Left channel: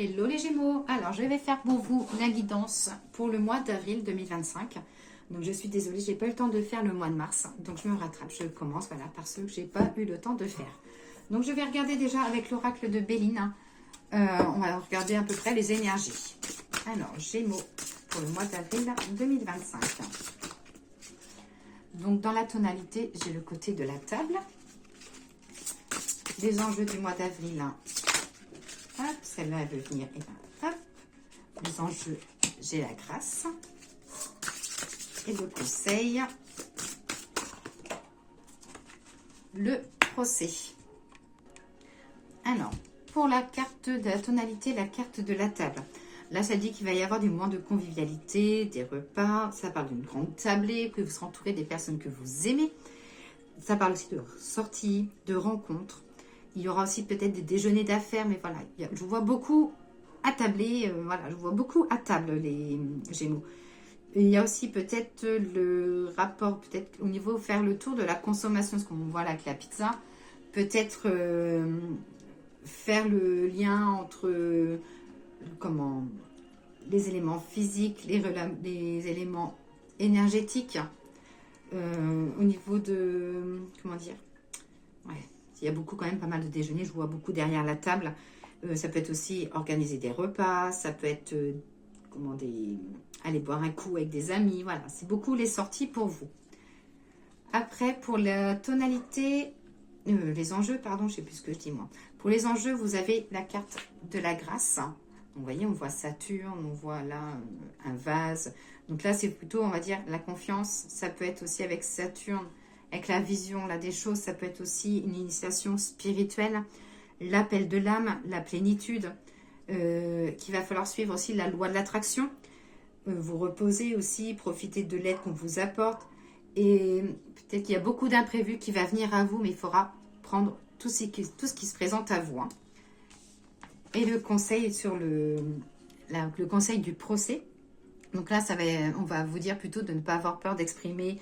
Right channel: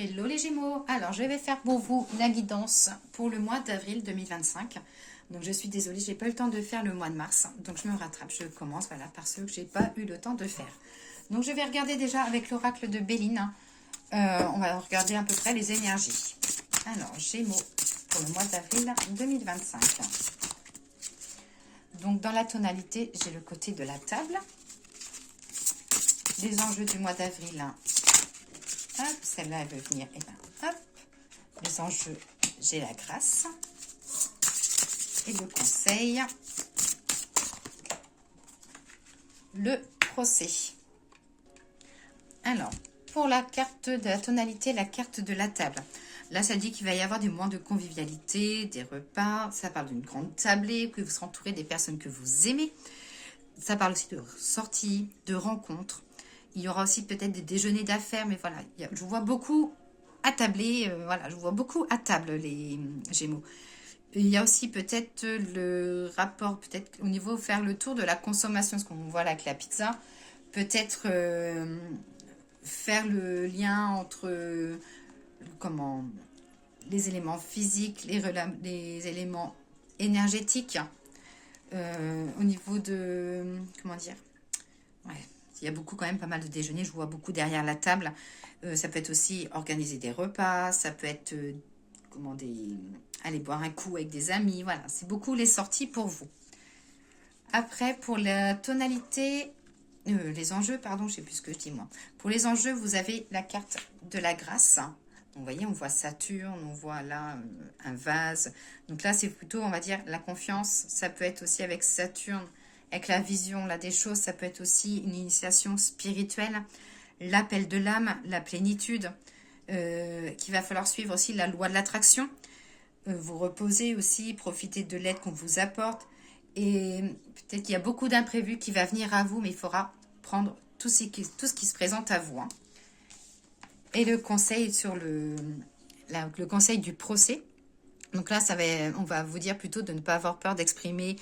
Hello les Gémeaux, alors je vais faire pour vous la guidance pour le mois d'avril 2025. Donc je suis désolée, j'ai pas eu le temps de faire le mois de mars, donc je me rattrape, je commence voilà, par ceux que j'ai pas eu le temps de faire. Donc je vais regarder déjà avec l'oracle de Béline, on va regarder à peu près les énergies. Alors Gémeaux pour le mois d'avril 2025. Donc dans la tonalité, j'ai le côté de la table. Les enjeux du mois d'avril. Hop, celle-là, elle veut venir. Et ben, hop, les enjeux, j'ai la grâce. Et le conseil, le procès. Alors, pour la carte de la tonalité, la carte de la table. Là, ça dit qu'il va y avoir des moments de convivialité, des repas. Ça parle d'une grande tablée, que vous serez entouré des personnes que vous aimez. Ça parle aussi de sorties, de rencontres. Il y aura aussi peut-être des déjeuners d'affaires, mais voilà, je vois beaucoup attablés, voilà, je vois beaucoup à table les Gémeaux. Et il y a aussi peut-être le rapport, peut-être au niveau faire le tour de la consommation, ce qu'on voit là avec la pizza, peut-être faire le lien entre comment les éléments physiques, les éléments énergétiques, au niveau de comment dire, ouais. Il y a beaucoup quand même pas mal de déjeuners, je vois beaucoup derrière la table. Ça peut être aussi organiser des repas, ça peut être aller boire un coup avec des amis. Voilà, c'est beaucoup les sorties pour vous. Après, pour la tonalité, les enjeux, pardon, je ne sais plus ce que je dis moi. Pour les enjeux, vous avez la carte de la grâce. Donc, vous voyez, on voit Saturne, on voit là un vase. Donc là, c'est plutôt, on va dire, la confiance. Ça peut être aussi avec Saturne. Avec la vision là, des choses, ça peut être aussi une initiation spirituelle, l'appel de l'âme, la plénitude, qu'il va falloir suivre aussi la loi de l'attraction, vous reposer aussi, profiter de l'aide qu'on vous apporte, et peut-être qu'il y a beaucoup d'imprévus qui va venir à vous, mais il faudra prendre tout ce qui se présente à vous. Hein. Et le conseil sur le conseil du procès, donc là, on va vous dire plutôt de ne pas avoir peur d'exprimer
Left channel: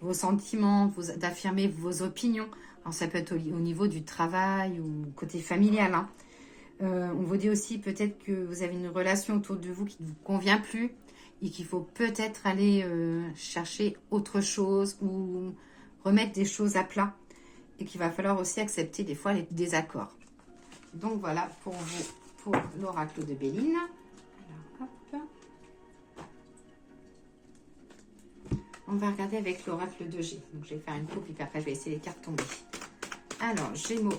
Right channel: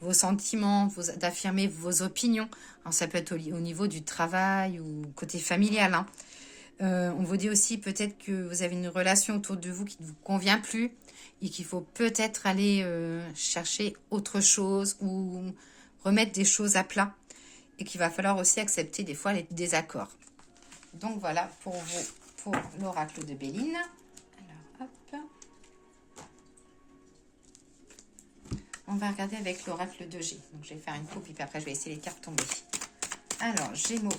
vos sentiments, d'affirmer vos opinions. Alors, ça peut être au niveau du travail ou côté familial. Hein. On vous dit aussi peut-être que vous avez une relation autour de vous qui ne vous convient plus et qu'il faut peut-être aller chercher autre chose ou remettre des choses à plat et qu'il va falloir aussi accepter des fois les désaccords. Donc voilà pour vous, pour l'oracle de Béline. Alors, hop. On va regarder avec l'oracle de G. Donc, je vais faire une coupe et puis après, je vais laisser les cartes tomber. Alors, Gémeaux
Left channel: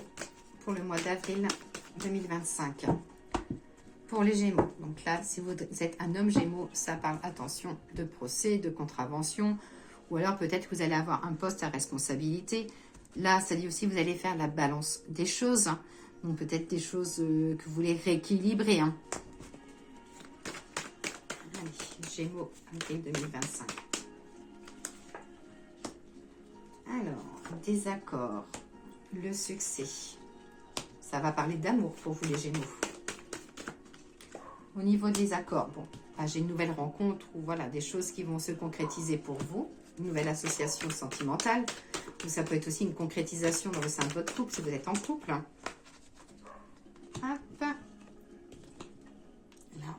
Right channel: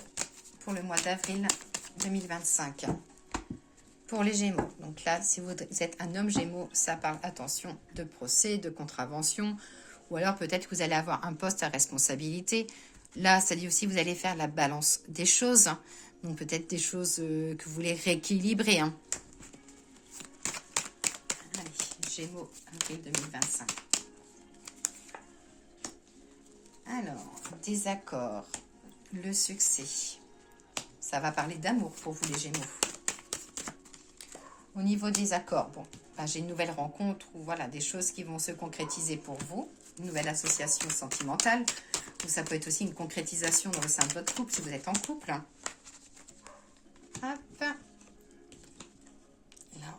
pour le mois d'avril 2025. Pour les Gémeaux. Donc là, si vous êtes un homme Gémeaux, ça parle, attention, de procès, de contravention. Ou alors, peut-être que vous allez avoir un poste à responsabilité. Là, ça dit aussi que vous allez faire la balance des choses. Donc, peut-être des choses que vous voulez rééquilibrer. Hein. Allez, Gémeaux, avril 2025. Alors, désaccord, le succès. Ça va parler d'amour pour vous les Gémeaux. Au niveau des accords, bon, là, j'ai une nouvelle rencontre ou voilà, des choses qui vont se concrétiser pour vous. Une nouvelle association sentimentale. Ou ça peut être aussi une concrétisation dans le sein de votre couple si vous êtes en couple. Hop. Là,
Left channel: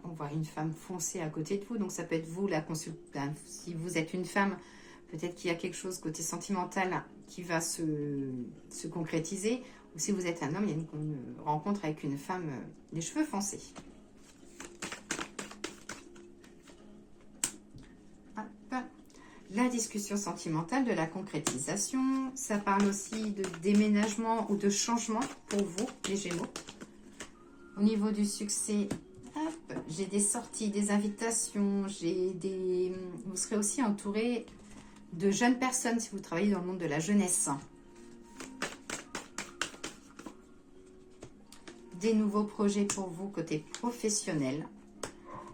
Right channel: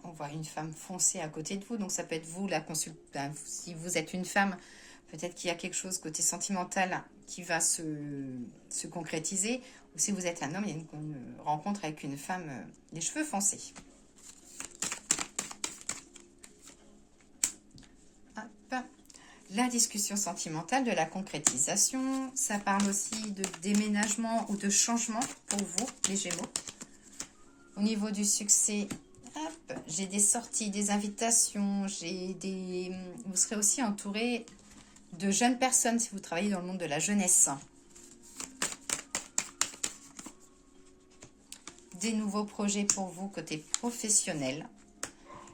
on voit une femme foncée à côté de vous. Donc, ça peut être vous, si vous êtes une femme, peut-être qu'il y a quelque chose côté sentimental qui va se concrétiser. Ou si vous êtes un homme, il y a une rencontre avec une femme, les cheveux foncés. Hop. La discussion sentimentale, de la concrétisation. Ça parle aussi de déménagement ou de changement pour vous, les Gémeaux. Au niveau du succès, j'ai des sorties, des invitations, vous serez aussi entouré de jeunes personnes si vous travaillez dans le monde de la jeunesse. Des nouveaux projets pour vous côté professionnel.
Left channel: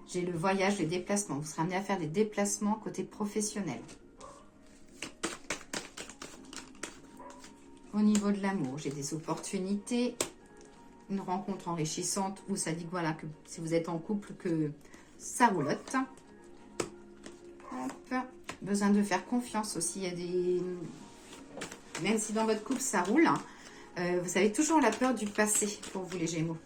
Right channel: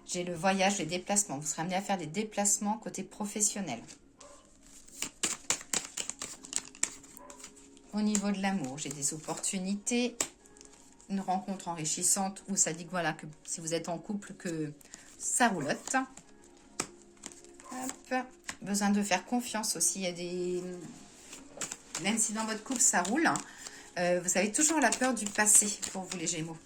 J'ai le voyage, les déplacements. Vous serez amené à faire des déplacements côté professionnel. Au niveau de l'amour, j'ai des opportunités. Une rencontre enrichissante où ça dit que voilà, que si vous êtes en couple, que ça roulotte. Hop. Besoin de faire confiance aussi. Il y a des... Même si dans votre couple ça roule, vous avez toujours la peur du passé pour vous les Gémeaux.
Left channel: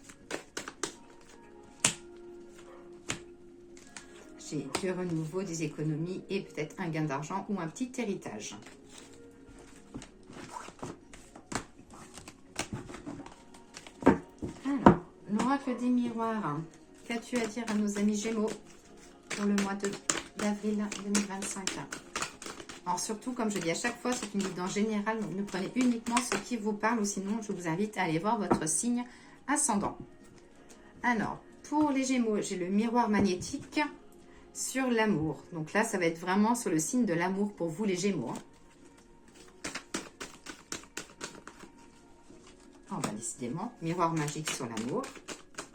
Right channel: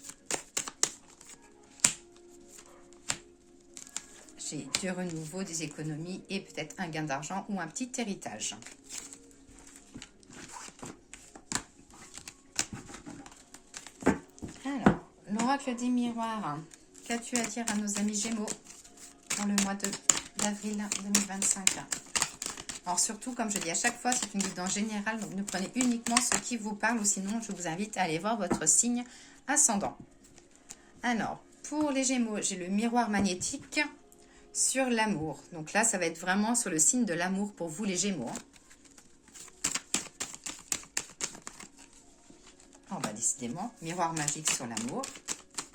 j'ai du renouveau, des économies et peut-être un gain d'argent ou un petit héritage. Alors, l'oracle des miroirs. Qu'as-tu à dire à nos amis Gémeaux pour le mois d'avril 2025? Alors surtout, comme je dis à chaque fois, c'est une guidance générale, donc ne prenez uniquement ce qui vous parle, ou sinon je vous invite à aller voir votre signe ascendant. Alors, pour les Gémeaux, j'ai le miroir magnétique sur l'amour. Donc là, ça va être vraiment sur le signe de l'amour pour vous les Gémeaux. On va décidément, miroir magique sur l'amour,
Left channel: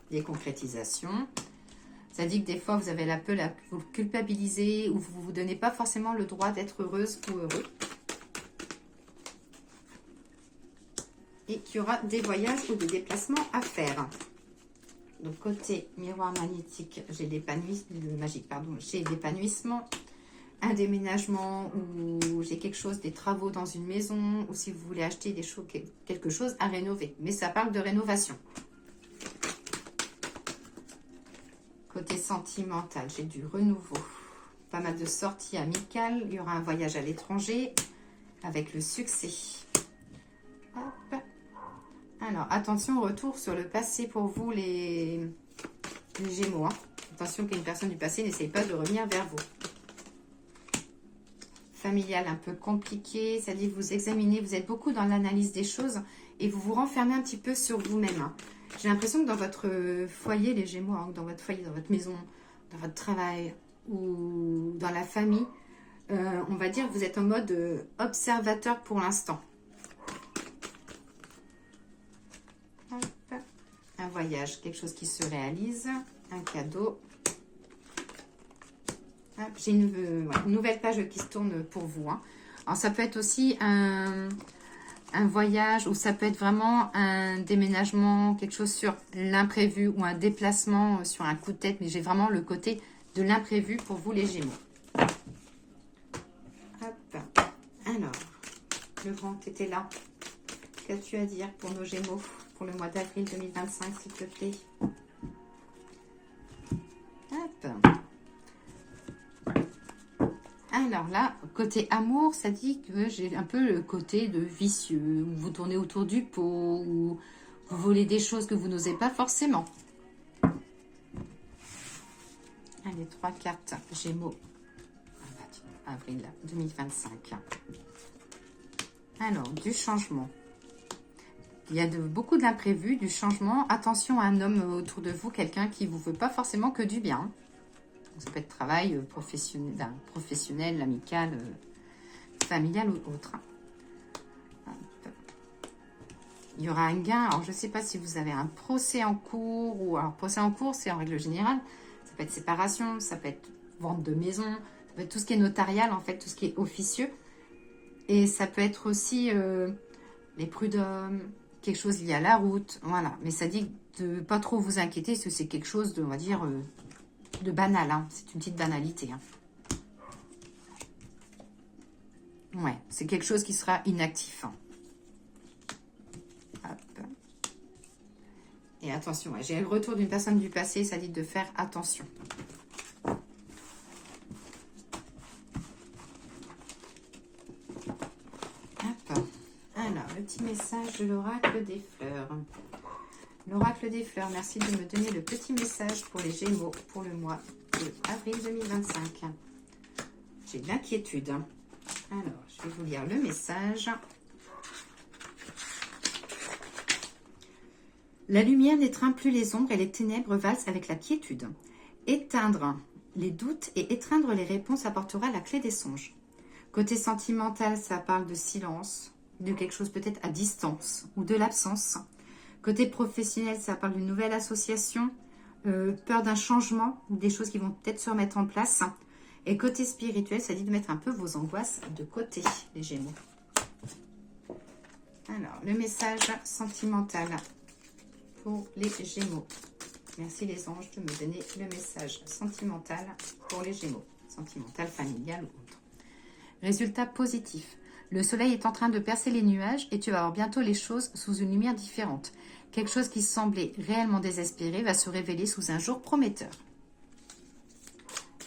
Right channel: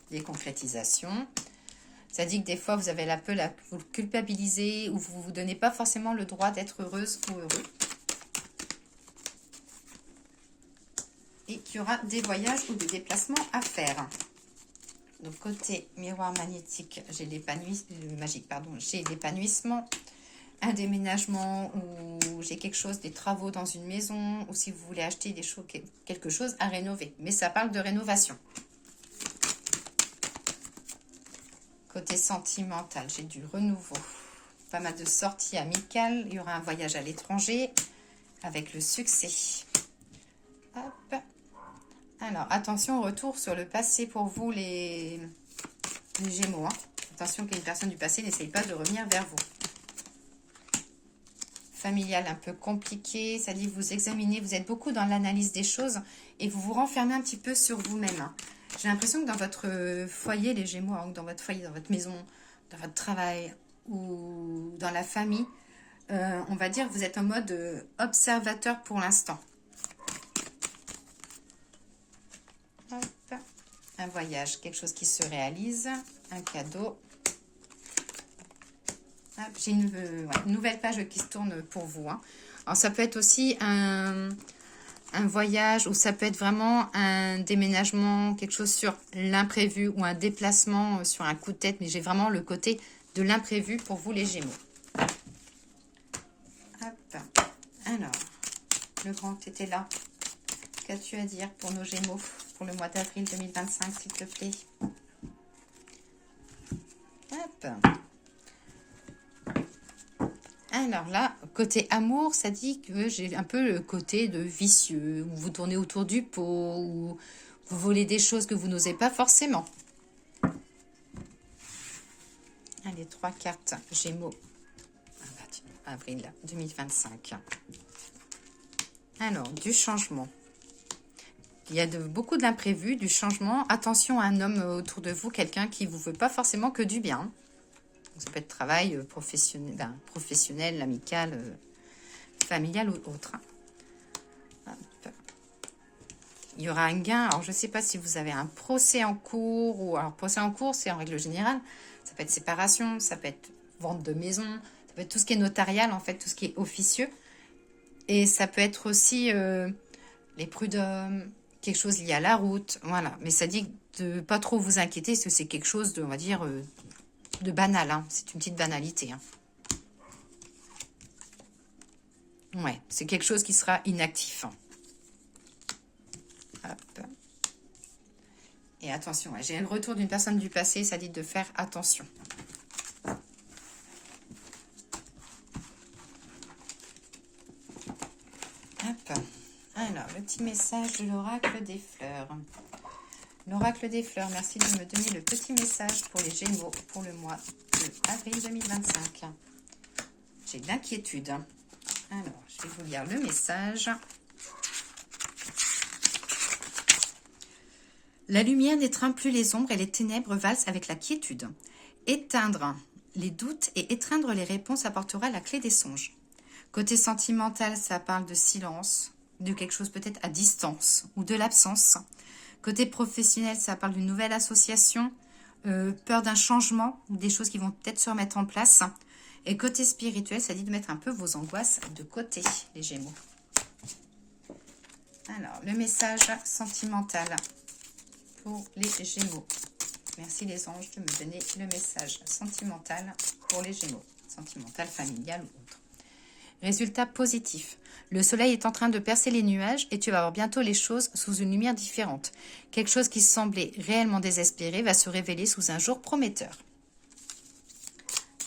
des concrétisations. Ça dit que des fois, vous avez la peur, vous le culpabilisez ou vous ne vous donnez pas forcément le droit d'être heureuse ou heureux. Et qu'il y aura des voyages ou des déplacements à faire. Donc, côté miroir magnétique, j'ai l'épanouissement, un déménagement ou j'ai quelque chose, des travaux dans une maison ou si vous voulez acheter des choses, quelque chose à rénover. Mais ça parle de rénovation. Côté sentimental, j'ai du renouveau, pas mal de sorties amicales, il y aura un voyage à l'étranger avec le succès. Hop. Alors, attention, retour sur le passé pour vous les Gémeaux. Hein. Attention qu'une personne du passé n'essaye pas de revenir vers vous. Familial un peu compliqué, ça dit que vous examinez, vous êtes beaucoup dans l'analyse des choses et vous vous renfermez un petit peu sur vous-même. Hein. J'ai l'impression que dans votre foyer, les Gémeaux, hein, dans votre foyer, dans votre maison, dans votre travail ou dans la famille, on va dire que vous êtes en mode observateur pour l'instant. Un voyage, quelque chose qui se réalise, un cadeau. J'ai une nouvelle page qui se tourne pour vous. Hein. Alors ça peut être aussi un voyage ou ça peut être vraiment un déménagement, quelque chose sur l'imprévu ou un déplacement sur un coup de tête. Mais j'ai vraiment le côté de l'imprévu pour vous les Gémeaux. Hop. Alors, le grand était là. Qu'as-tu à dire pour nos Gémeaux pour le mois d'avril 2025, s'il te plaît? Hop. Alors là, côté amour, ça dit que j'ai un peu le côté de vicieux, où vous tournez autour du pot, où vous volez des choses que vous n'osez pas forcément. Allez, 3 cartes Gémeaux, avril 2025. Alors, du changement. Il y a beaucoup d'imprévus, du changement. Attention à un homme autour de vous, quelqu'un qui ne vous veut pas forcément que du bien. Ça peut être travail professionnel, amical, familial ou autre. Hop. Il y aura un gain. Alors, je ne sais pas si vous avez un procès en cours. Ou alors, procès en cours, c'est en règle générale. Ça peut être séparation, ça peut être vente de maison. Ça peut être tout ce qui est notarial, en fait, tout ce qui est officieux. Et ça peut être aussi les prud'hommes, quelque chose lié à la route. Voilà. Mais ça dit de ne pas trop vous inquiéter, parce que c'est quelque chose de, on va dire... de banal, hein. C'est une petite banalité. Hein. Ouais, c'est quelque chose qui sera inactif. Hein. Hop. Et attention, ouais, j'ai le retour d'une personne du passé, ça dit de faire attention. Hop. Alors, le petit message de l'oracle des fleurs. L'oracle des fleurs, merci de me donner le petit message pour les Gémeaux pour le mois de avril 2025. J'ai de l'inquiétude. Alors, je vais vous lire le message. La lumière n'étreint plus les ombres et les ténèbres valsent avec la quiétude. Éteindre les doutes et étreindre les réponses apportera la clé des songes. Côté sentimental, ça parle de silence, de quelque chose peut-être à distance ou de l'absence. Côté professionnel, ça parle d'une nouvelle association, peur d'un changement ou des choses qui vont peut-être se remettre en place. Et côté spirituel, ça dit de mettre un peu vos angoisses de côté, les Gémeaux. Alors, le message sentimental pour les Gémeaux. Merci les anges de me donner le message sentimental pour les Gémeaux. Sentimental, familial ou autre. Résultat positif. Le soleil est en train de percer les nuages et tu vas voir bientôt les choses sous une lumière différente. Quelque chose qui semblait réellement désespéré va se révéler sous un jour prometteur.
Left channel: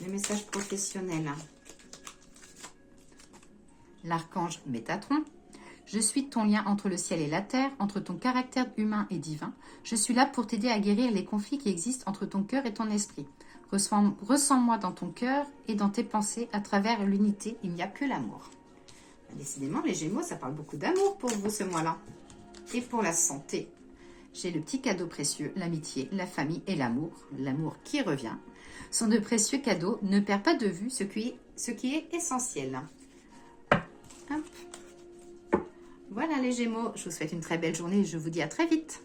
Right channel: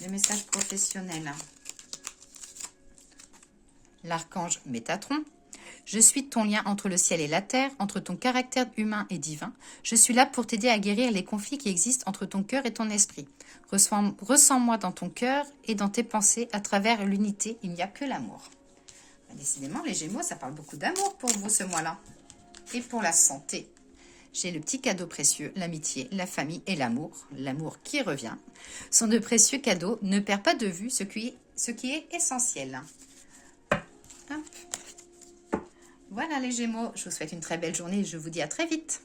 Le message professionnel. L'archange Métatron. Je suis ton lien entre le ciel et la terre, entre ton caractère humain et divin. Je suis là pour t'aider à guérir les conflits qui existent entre ton cœur et ton esprit. Ressens-moi dans ton cœur et dans tes pensées. À travers l'unité, il n'y a que l'amour. Décidément, les Gémeaux, ça parle beaucoup d'amour pour vous ce mois-là. Et pour la santé, j'ai le petit cadeau précieux, l'amitié, la famille et l'amour. L'amour qui revient. Sont de précieux cadeaux. Ne perds pas de vue ce qui est essentiel. Hop. Voilà les Gémeaux, je vous souhaite une très belle journée et je vous dis à très vite.